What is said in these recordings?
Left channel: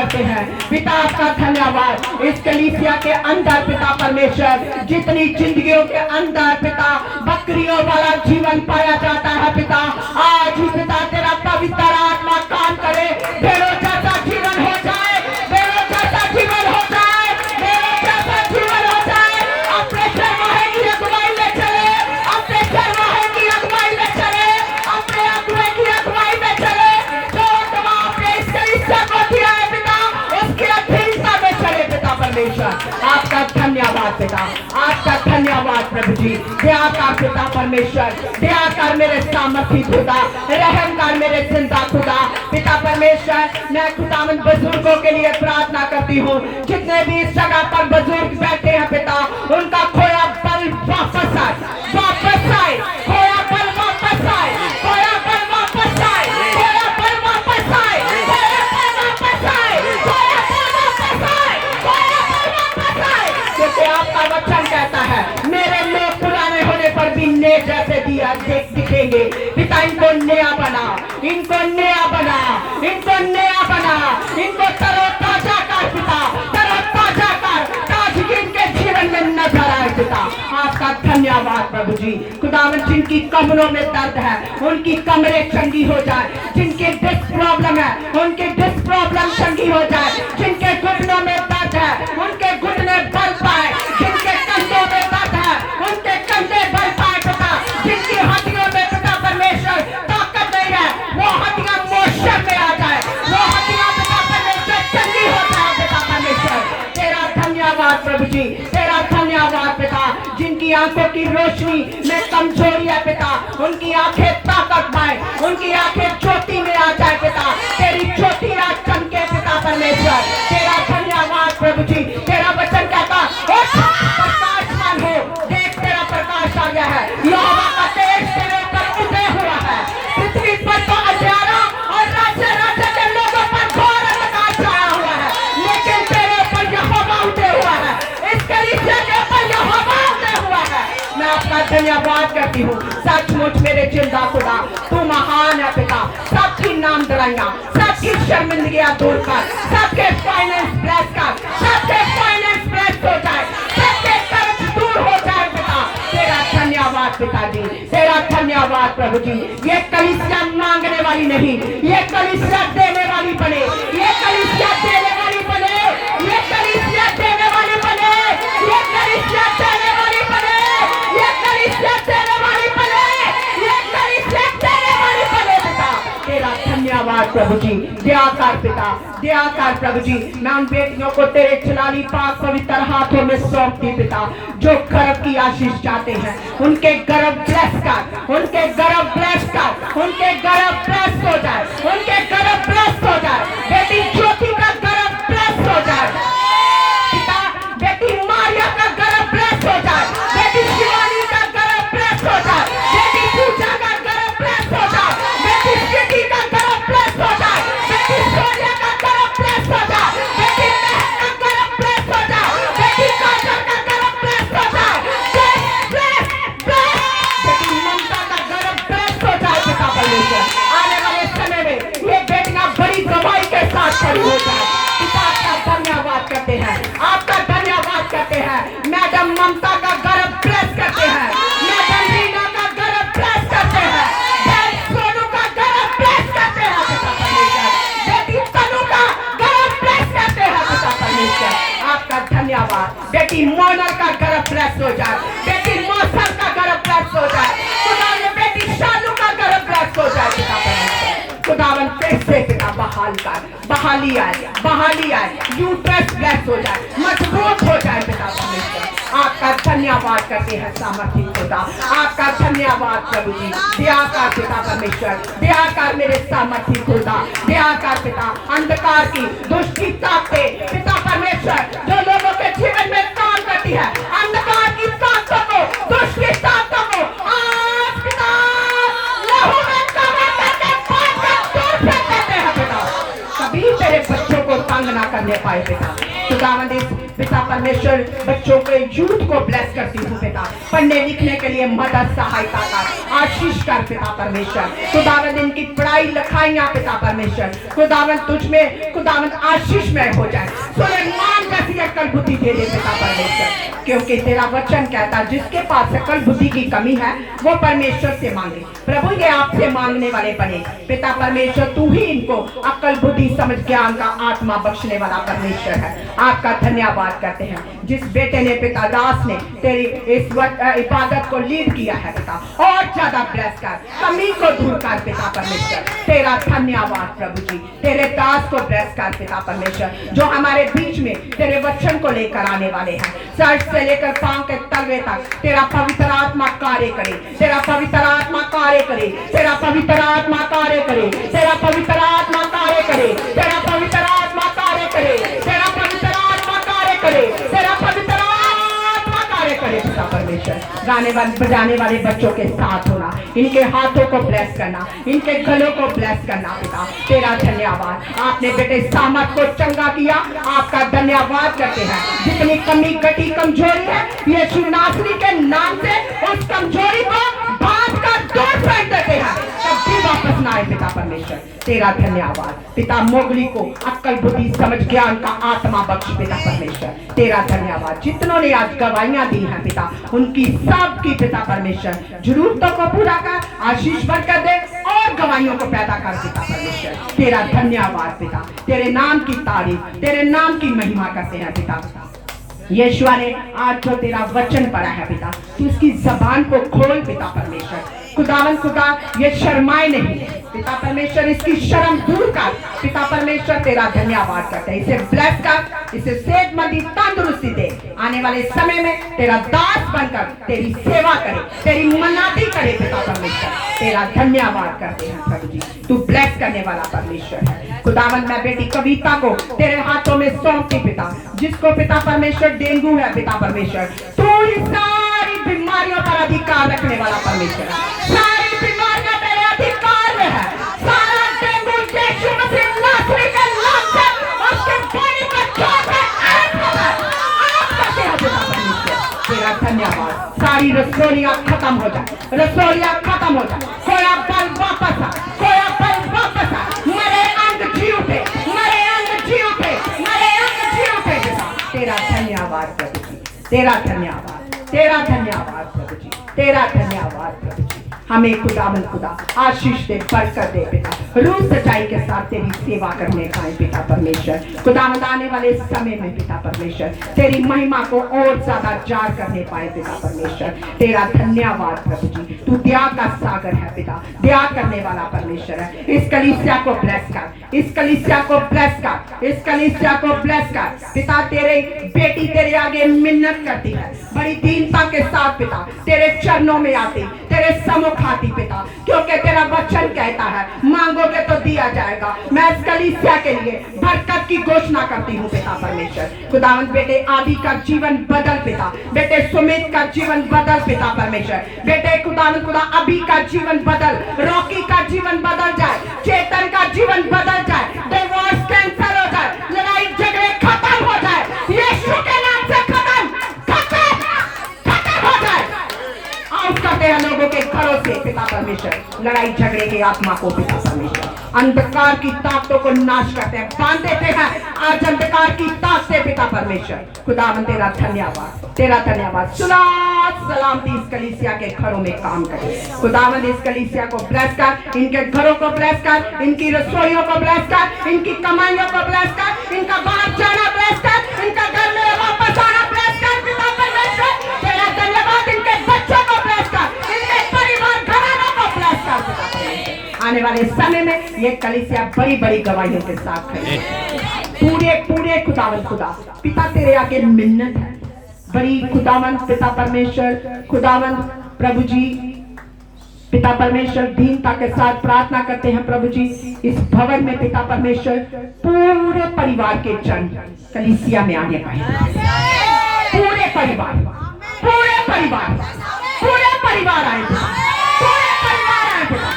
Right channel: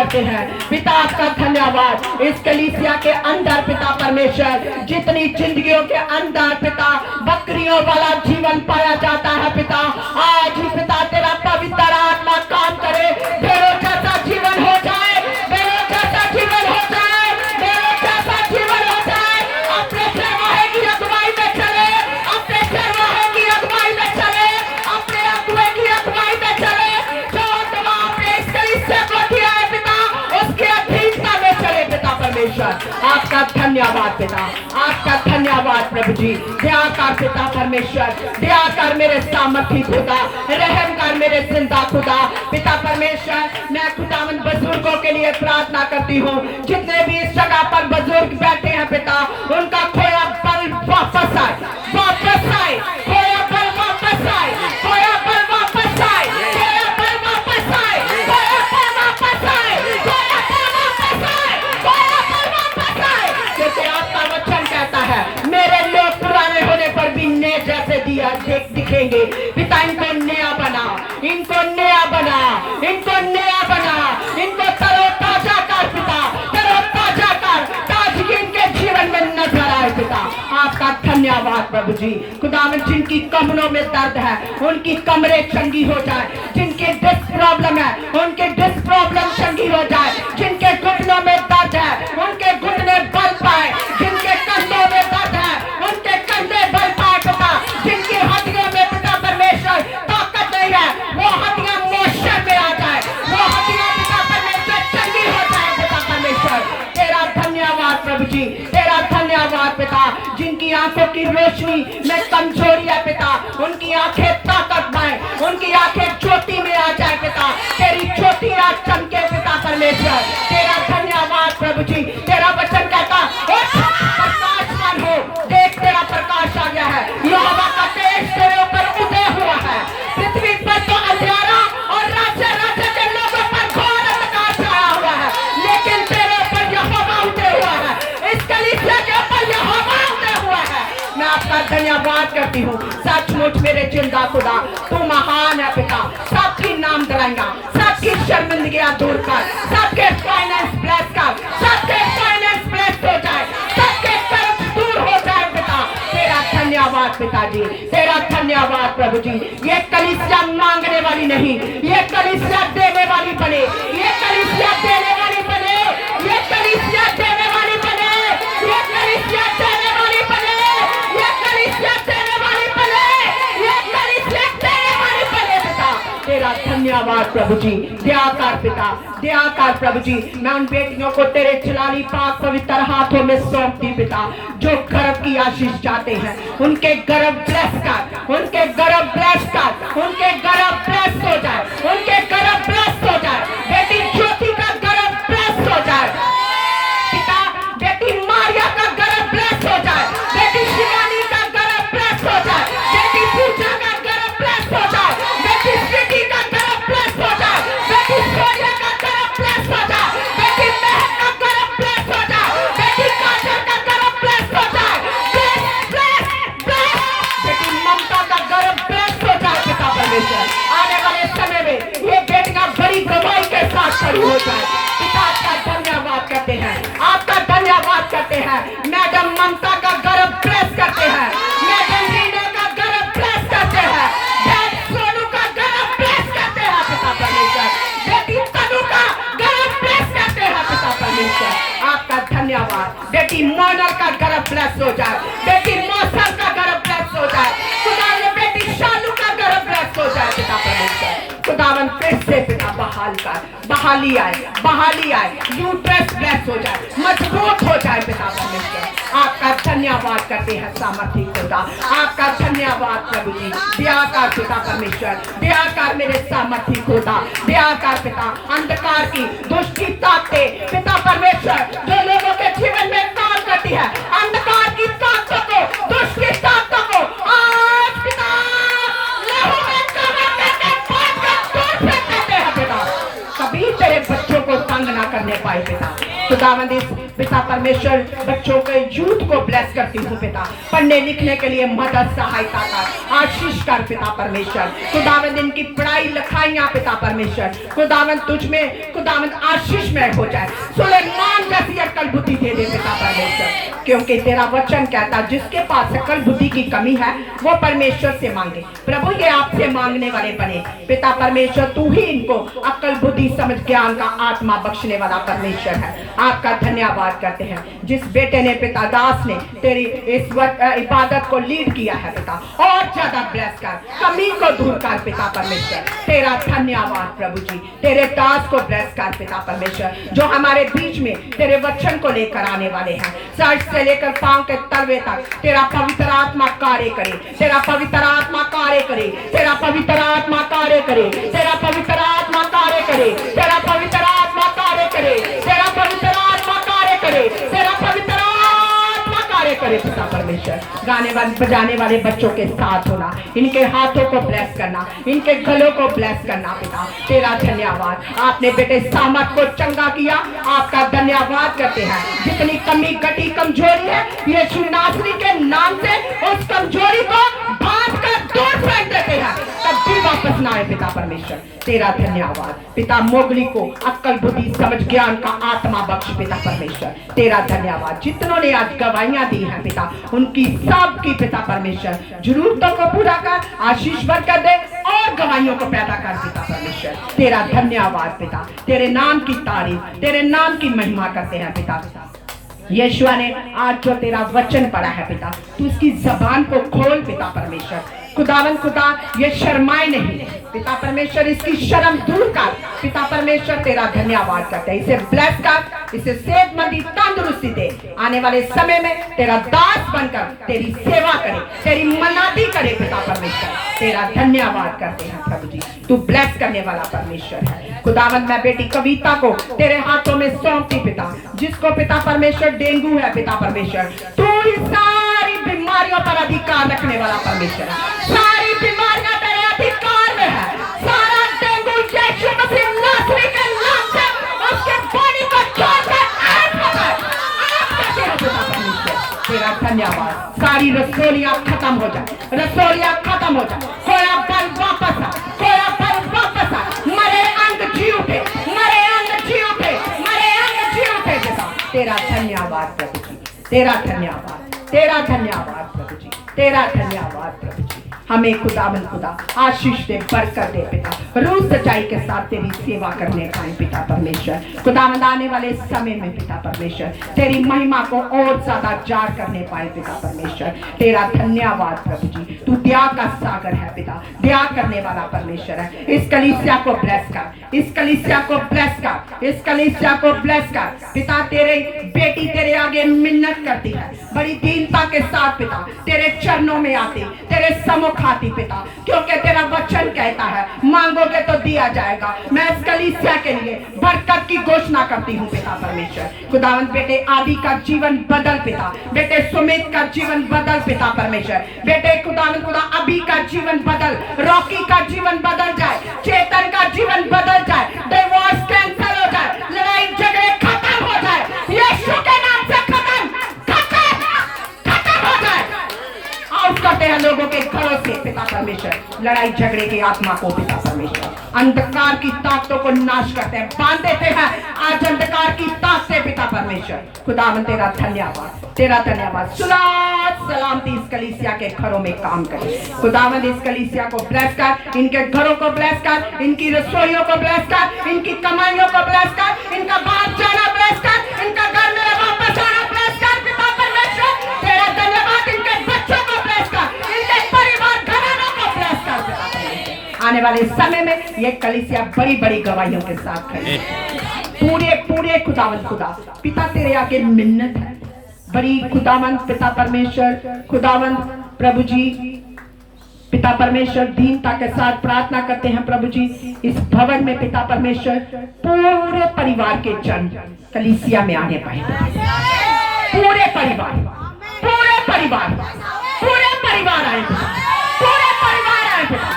करते हैं। पिता आपका धन्यवाद इस कलीसिया के अंदर पिता परमेश्वर, जितनी जिंदगियों के अंदर पिता बकरियों वाला जीवन पाया जाता है पिता, आज ही पिता तेरा पवित्र आत्मा काम करे, भेड़ों जैसा जीवन हो जाए, भेड़ों जैसा जीवन हो जाए, भेड़ों जैसा जीवन हो जाए। अपने शर्माए की अगुवाई में चले, अपने शर्माए की अगुवाई में चले, अपने अगुवाई की अगुवाई में चले, जो अगुवा आपने इस कलीसिया को दिया है पिता, उसके अधीनता में चले पिता परमेश्वर। आपका धन्यवाद पिता, आपका धन्यवाद प्रभु जी। दया कर पिता परमेश्वर, दया कर मेरे सामर्थी खुदा, रहम कर मेरे जिंदा खुदा पिता परमेश्वर। मैं खुदावन बुजुर्गों के लिए प्रार्थना करती हूँ, जितने भी इस जगह पर बुजुर्ग बैठे हैं पिता, उनका खोया बल वापस आए, वापस आए, खोया बल वापस आए, खोया बल वापस आए, खोया बल वापस आए, खोया बल वापस आए, खोया बल वापस आए, खोया बल वापस आए। क्योंकि आपका वचन कहता है मेरे लोग पुराने होने पर भी नए जैसे दिया दिखेंगे पिता। इनको नया बना, इनको नया बना, इनको नया बना, इनको तरो ताजा कर पिता, तरो ताजा कर, ताजगी इनके जीवन में नजर आए पिता। आपका धन्यवाद प्रभु जी। खुदावन जिनकी कमरों में दर्द है उनकी कमरें चंगी हो जाए, जिनकी डिस्क प्रॉब्लम है उनकी डिस्क प्रॉब्लम चंगी हो जाए, जिनके घुटनों में दर्द है उनके घुटने बल पाए, जिनके कंधों में दर्द है उनके कंधे बल पाए पिता, जिनकी हड्डियों में पिता परमेश्वर ताकत नहीं है वो हड्डियां मोशन में आ जाए, वो हड्डियां पिता परमेश्वर चंगी हो जाए पिता परमेश्वर। तेरा धन्यवाद प्रभु जी, तेरा धन्यवाद पिता। जिनकी आंखों की रोशनी में कमजोरी है पिता, उनकी आंखें ताकत पाए, उनकी आंखें ज्योति में आ जाए पिता, तेरी ज्योति आज चमके पिता परमेश्वर। तेरा धन्यवाद प्रभु जी। तेरा वचन कहता प्रकाशमान हो, देख तेरा प्रकाश आ गया है, यहोवा का तेज तेरे ऊपर उदय हुआ है, पृथ्वी पर तो अंधेरा और राज्य राज्य के लोगों पर घोर अंधकार छाया हुआ है, लेकिन तेरे ऊपर यहोवा उदय हुआ है, इस कलीसिया के ऊपर यहोवा उदय हुआ है। मैं आपका धन्यवाद करती हूँ। सचमुच मेरे जिंदा खुदा तू महान है पिता। सबकी नाम दराइयां, सबकी शर्मिंदगियां दूर कर, सबके फाइनेंस ब्लेस कर, सबके फाइनेंस ब्लेस हो जाए, सबके कर्ज दूर हो जाए पिता। तेरा धन्यवाद पिताजी, तेरा धन्यवाद प्रभु जी। ये कलीसिया मांगने वाली नहीं, ये कलीसिया देने वाली बने, ये कलीसिया देने वाली बने, ये कलीसिया देने वाली बने, ये कलीसिया देने वाली बने, ये कलीसिया देने वाली बने, ये कलीसिया देने वाली बने पिता। तेरा धन्यवाद प्रभु जी। दया कर पिता, दया कर प्रभु जी। मैं उन बेटियों को तेरे जलाली पाक पवित्र हाथों में सौंप दी पिता, जो गर्भ की आशीष चाहते हैं, उनके गर्भ ब्लेस कर, उनके गर्भ ब्लेस कर, उनके गर्भ ब्लेस हो जाए, उनके गर्भ ब्लेस हो जाए। बेटी ज्योति का गर्भ ब्लेस हो जाए पिता, बेटी मारिया का गर्भ ब्लेस हो जाए, बेटी शिवानी का गर्भ ब्लेस हो जाए, बेटी पूजा का गर्भ ब्लेस हो जाए, बेटी स्वीटी का गर्भ ब्लेस हो जाए, बेटी सोनिया का गर्भ ब्लेस हो जाए, बेटी महक का गर्भ ब्लेस हो जाए, बेटी काजल का गर्भ ब्लेस हो जाए, ब्लेस ब्लेस ब्लेस, बेटी ममता का गर्भ ब्लेस हो जाए पिता परमेश्वर। आने वाले समय में ये बेटियां बड़ी गवाही के साथ खड़ी हो जाए पिता। आपका धन्यवाद करते हैं, आपका धन्यवाद करते हैं। मैडम ममता का गर्भ ब्लेस करते हैं, मैडम रीना का गर्भ ब्लेस करते हैं, सोनू का गर्भ ब्लेस करते हैं पिता परमेश्वर, बेटी तनु का गर्भ ब्लेस करते हैं पिता परमेश्वर। आपका धन्यवाद। बेटी मोना का गर्भ ब्लेस हो जाए, बेटी मौसम का गर्भ ब्लेस हो जाए, खुदा बेटी शालू का गर्भ ब्लेस हो जाए पिता परमेश्वर। खुदावन फिर से पिता बहाल कर, बहाली आए, बहाली आए, यूट्रस ब्लेस हो जाए, मजबूत हो जाए पिता परमेश्वर। आपका धन्यवाद करते हैं सामर्थी खुदा, आपका धन्यवाद प्रभु जी। दया कर पिता परमेश्वर, दया कर मेरे सामर्थी खुदा, दया कर पिता। अंधकार की दुष्टि ताकतें पिता परमेश्वर जो लोगों के जीवन में काम करती है, अंधकार की ताकतों को, दुष्टि ताकतों को आज पिता लहू में कवर करके दूर फेंक देते हैं पिता। कभी तेरे बच्चों को तंग ना करने पाए पिता। खुदावंद इस पिता परमेश्वर बच्चों के यूथ को ब्लेस करती हूँ पिता, पढ़ने लिखने के लिए मदद सहायता कर, आशीष कर पिता परमेश्वर। खुदावंद इनकी पढ़ाई लिखाइयाँ पिता परमेश्वर, खुदावंद तुझ में खुदावंद आशीषमय हो जाए, सुलेमान जैसी अक्ल बुद्धि दे दे पिता परमेश्वर, क्योंकि तेरा वचन कहता जिसके पास अक्ल बुद्धि की कमी है वो परमेश्वर से मांगे। प्रभु ये आपसे मांगने वाले बने पिता परमेश्वर, तू ही इनको अक्ल बुद्धि समझ ज्ञान का आत्मा बख्शने वाला परमेश्वर है। आपका धन्यवाद करते हैं जिस बेटे ने पिता दास ने तेरी इस इबादत को लीड किया है पिता, और ज्यादा ब्लेस कर, कमी को दूर कर पिता परमेश्वर। तेरा धन्यवाद प्रभु जी, तेरे दास को ब्लेस कर पिता परमेश्वर, जो हमारे बीच में तेरे वचन को लेकर आने वाले हैं। सर से लेकर पांव के तलवे तक तेरा पवित्र आत्मा कार्य करे, तेरा पवित्र आत्मा कार्य करे, तेरा पवित्र आत्मा कार्य करे, तेरा पवित्र आत्मा कार्य करे, तेरा पवित्र आत्मा कार्य करे, तेरा पवित्र आत्मा कार्य करे, तेरा पवित्र आत्मा कार्य करे पिता परमेश्वर। गाने वाले बजाने वाले बच्चों के साथ होना, इनके हाथों को ब्लेस करना, इनके गलों को ब्लेस करना पिता, तेरा धन्यवाद। आपने बेटे सामर्थ को चंगा किया, आपका धन्यवाद करते हैं। जितनी कमी घटी कमजोरी है यीशु नासरी के नाम से उस कमजोरी को भाग कर दूर फेंक देते हैं, कभी वापस ना आए पिता परमेश्वर। तेरा धन्यवाद पिता, मोगली को अक्ल बुद्धि समझ ज्ञान का आत्मा बख्श पिता परमेश्वर। तेरा धन्यवाद जितनों ने आज गवाहियां दी हैं पिता, उनकी सब की पिता परमेश्वर जरूरतों को पूरा कर, आशीष भर कर दे और गवाहियों को पैदा कर पिता परमेश्वर। तेरा धन्यवाद पिता, तेरे नाम की तारीफ, तेरे नाम की महिमा करते हैं पिता। यीशुआ ने आज जो तेरा वचन पढ़ा है पिता, तू उसकी जबान को खोल पिता परमेश्वर। खुदावन खुदा ये शर्माए नहीं पिता परमेश्वर, इसकी शर्म दूर कर पिता परमेश्वर। तेरा धन्यवाद करते हैं, इसे ब्लेस कर, इसे सेहतमंदी तंदुरुस्ती दे, आने वाले समय में तेरा दास बनकर तेरी सेवा करे, तेरी मनाती करे पिता परमेश्वर। तेरा धन्यवाद करते हैं प्रभु जी, तू ब्लेस करने वाला परमेश्वर है। खुदावन मैं बेटी कविता को तेरे हाथों में सौंपती पिता, जिसको पिता परमेश्वर डेंगू है पिता परमेश्वर, तू ही सारी बीमारियों पर अधिकार रखने वाला परमेश्वर है। सारी बीमारियां तेरे अधिकार में है, सारा डेंगू यीशु मसीह नासरी के नाम से उसके बॉडी पर छोड़कर आउट हो गए, आउट करते हैं पिता परमेश्वर। तेरा धन्यवाद, सारी रसोलियां खत्म हो जाए, रसोलियां खत्म हो जाए, कोया बल वापस आ, कोया बल वापस आ, मरे अंग जी उठे, मरे अंग जी उठे, मरे अंग जी उठे पिता। तेरा धन्यवाद प्रभु जी, तेरा धन्यवाद, तेरा धन्यवाद प्रभु जी, तेरा धन्यवाद प्रभु जी। हमें खुदावन खुदा आशीष दे, बरकत दे पिता, रूह सच्चाई के साथ तेरी सेवा करने पाए पिता परमेश्वर। खुदावन आने वाले समय में पिता परमेश्वर तेरी महिमा को और ज्यादा जार करने पाए पिता परमेश्वर। तेरा धन्यवाद प्रभु जी, तू दया का सागर है पिता, दया करने वाला परमेश्वर है। इस कलीसिया को ब्लेस कर, इस कलीसिया को ब्लेस कर, इस कलीसिया को ब्लेस कर पिता। तेरे बेटी तेरे आगे मिन्नत करती है, बड़ी दीनता के साथ पिता तेरे चरणों में आती, तेरे सम्मुख आती पिता, क्योंकि तेरा वचन कहता है मांगोगे तो दिया जाएगा। मैं इस कलीसिया के लिए बरकत की घोषणा करती हूँ पिता परमेश्वर। खुदावंत बेटे आदि का जीवन बदल पिता, बेटे सुमित का जीवन बदल पिता परमेश्वर, बेटे खुदावंत खुदा अभी का जीवन बदल, रॉकी का जीवन बदल जाए, चेतन का जीवन बदल जाए, डिवोर्स कैंसिल हो जाए, लड़ाई झगड़े खत्म हो जाए, यीशु के नाम से खत्म हो जाए। आउट करते हैं लोगों के घरों से पिता परमेश्वर लड़ाई झगड़े की आत्मा को पिता परमेश्वर, अंधकार की ताकतों को नाश करते हैं, बांध देते हैं आज अंधकार की ताकतें पिता परमेश्वर। खुदावन तेरा धन्यवाद, तेरा धन्यवाद। सलामती इस कलीसिया के घरों में काम करे खुदावन, इस कलीसिया को ब्लेस कर, इनके घरों को ब्लेस कर, इनकी रसोइयों को ब्लेस कर, इनकी कमाइयों को ब्लेस कर, इनका बाप जाना ब्लेस कर, इनका घर में वापस आना ब्लेस कर पिता परमेश्वर। तेरा धन्यवाद, इनके बच्चों को ब्लेस कर, इनके परिवार घरानों को ब्लेस कर पिता परमेश्वर। आने वाले समय में ये कलीसिया बड़ी बड़ी गवाहियों के साथ खड़ी पूरे पूरे खुदावन खुदा पिता तेरे आगे मिन्नत है बड़ी खुदावन पिता परमेश्वर। खुदावन प्रभु जी पिता परमेश्वर दीनता के साथ प्रार्थना करते हैं प्रभु जी, इस भवन में पिता परमेश्वर पूरे परिवार के जन कलीसिया में आने पाए, पूरे परिवार, पूरे परिवार, पूरे परिवार आए, पूरे परिवार आए पिता।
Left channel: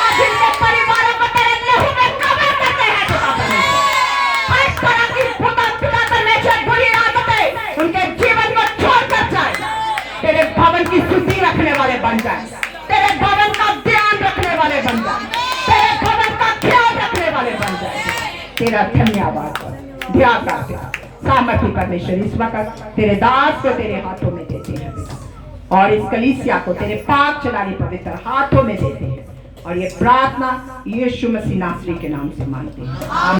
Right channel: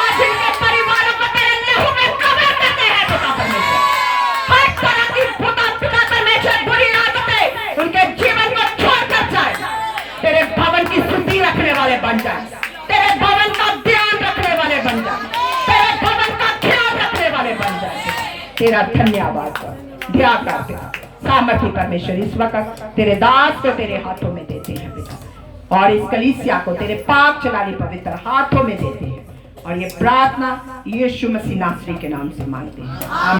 आज इनके परिवारों को तेरे लहू में कवर करते हैं पिता परमेश्वर। हर तरह की पिता परमेश्वर भवन की शुद्धि रखने वाले बन जाए, तेरे भवन का ध्यान रखने वाले बन जाए, तेरे भवन का ख्याल रखने वाले बन जाए। तेरा धन्यवाद ध्यान करते सामर्थ्य परमेश्वर इस वक्त तेरे दास को तेरे हाथों में देते हैं पिता, और इस कलीसिया को तेरे पाक चलाने पवित्र हाथों में देते हैं, और ये प्रार्थना यीशु मसीह नासरी के नाम से मांगते हैं।